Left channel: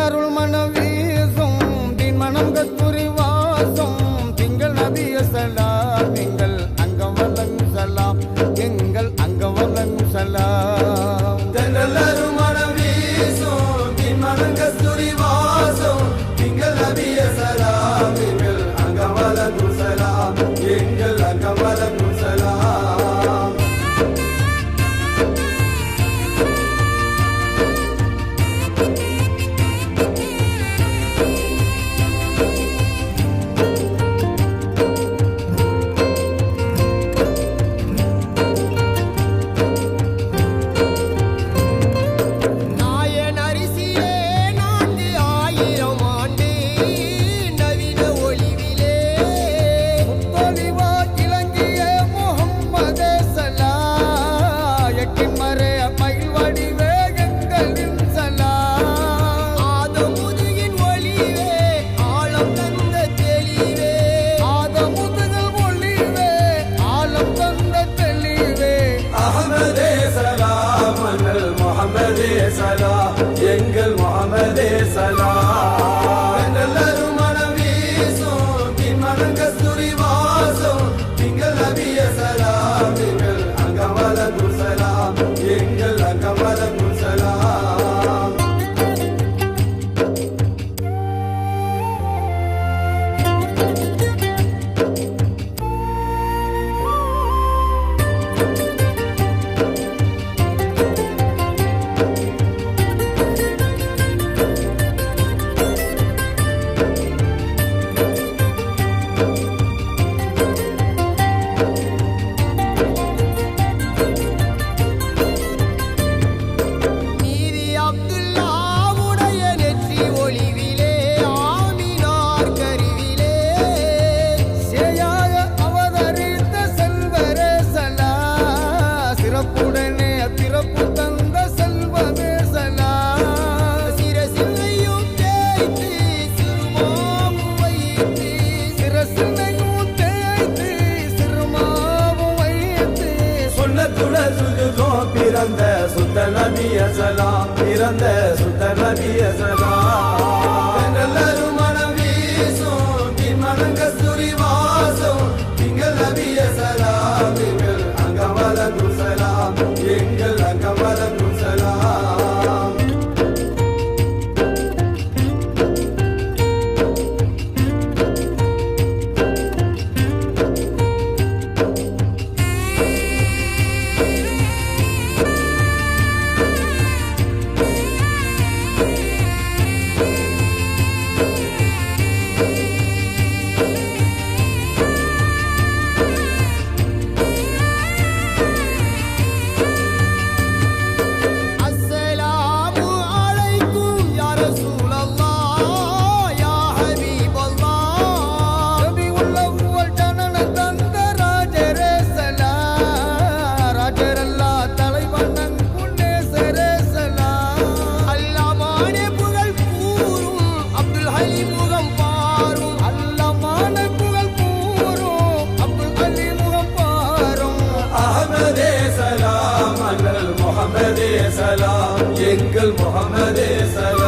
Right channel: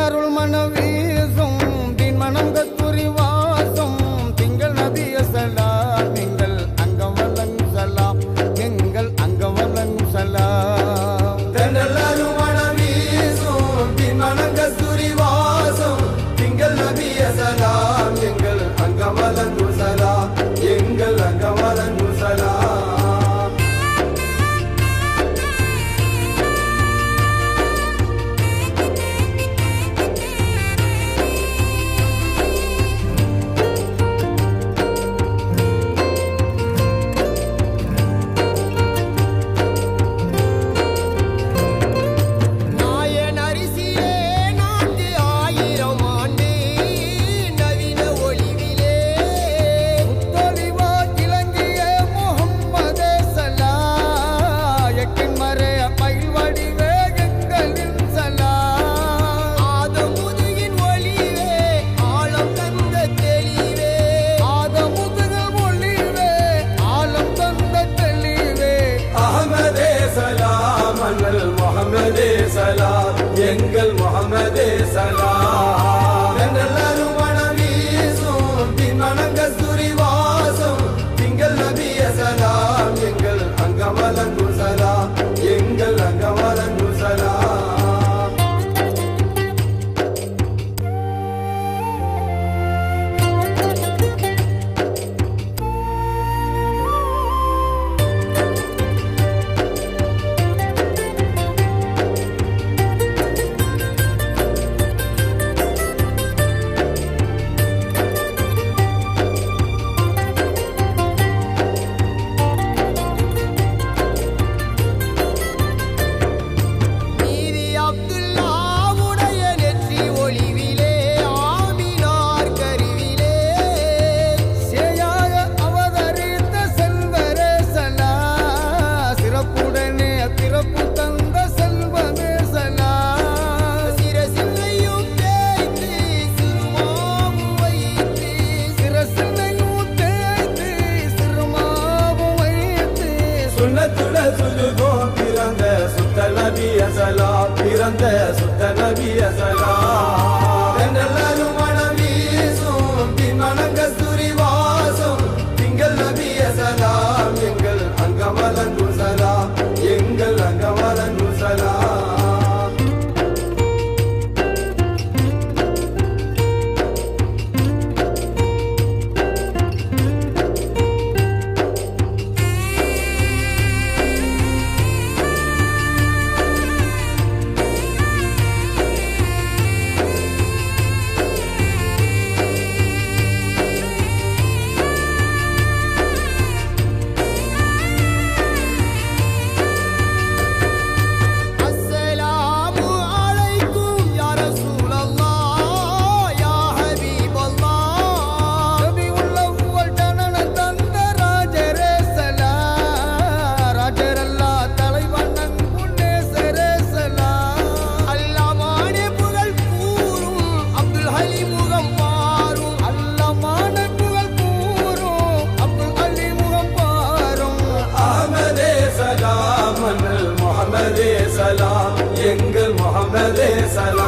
அருள் மனம் வீசும் தின் மனம் கஸ்தூரி வாசம் திங்கள் நபிய சலாம் எங்கள் அங்கம் வழங்கும் சலாம் எங்கள் அங்கம் வழங்கும் சலாம் அருள் மனம் வீசும் தின் மனம் கஸ்தூரி வாசம் திங்கள் நபிய சலாம் எங்கள் அங்கம் வழங்கும் சலாம் எங்கள் அங்கம் வழங்கும் சலாம் எங்கள் முஹம்மதே சலாம் அருள் மனம் வீசும் தின் மனம் கஸ்தூரி வாசம் திங்கள் நபிய சலாம் எங்கள் அங்கம் வழங்கும் சலாம் எங்கள் அங்கம் வழங்கும் சலாம் சிறப்புடனே பிறப்பு தந்த செல்வமே சலாம் சிரசிலையும் தேய்த்து சிறுமாவும் வைத்து சிரசிலையும் தேய்த்து சிறுமாவும் வைத்து சுண்ணத்துடன் சுஜுதோ பிறந்த சுத்த நபிய சலாம் பிறந்த சுத்த நபிய சலாம் அருள் மனம் வீசும் தின் மனம் கஸ்தூரி வாசம் திங்கள் நபிய சலாம் எங்கள் அங்கம் வழங்கும் சலாம் எங்கள் அங்கம் வழங்கும் சலாம் முகம் பாரும் அல்லமான புகழ் கூறும் அப்துல் அலி முகம் பாரும் அஹ்மதே சலாம் முஹம்மதே சலாம் எங்கள் முஹம்மதே சலாம்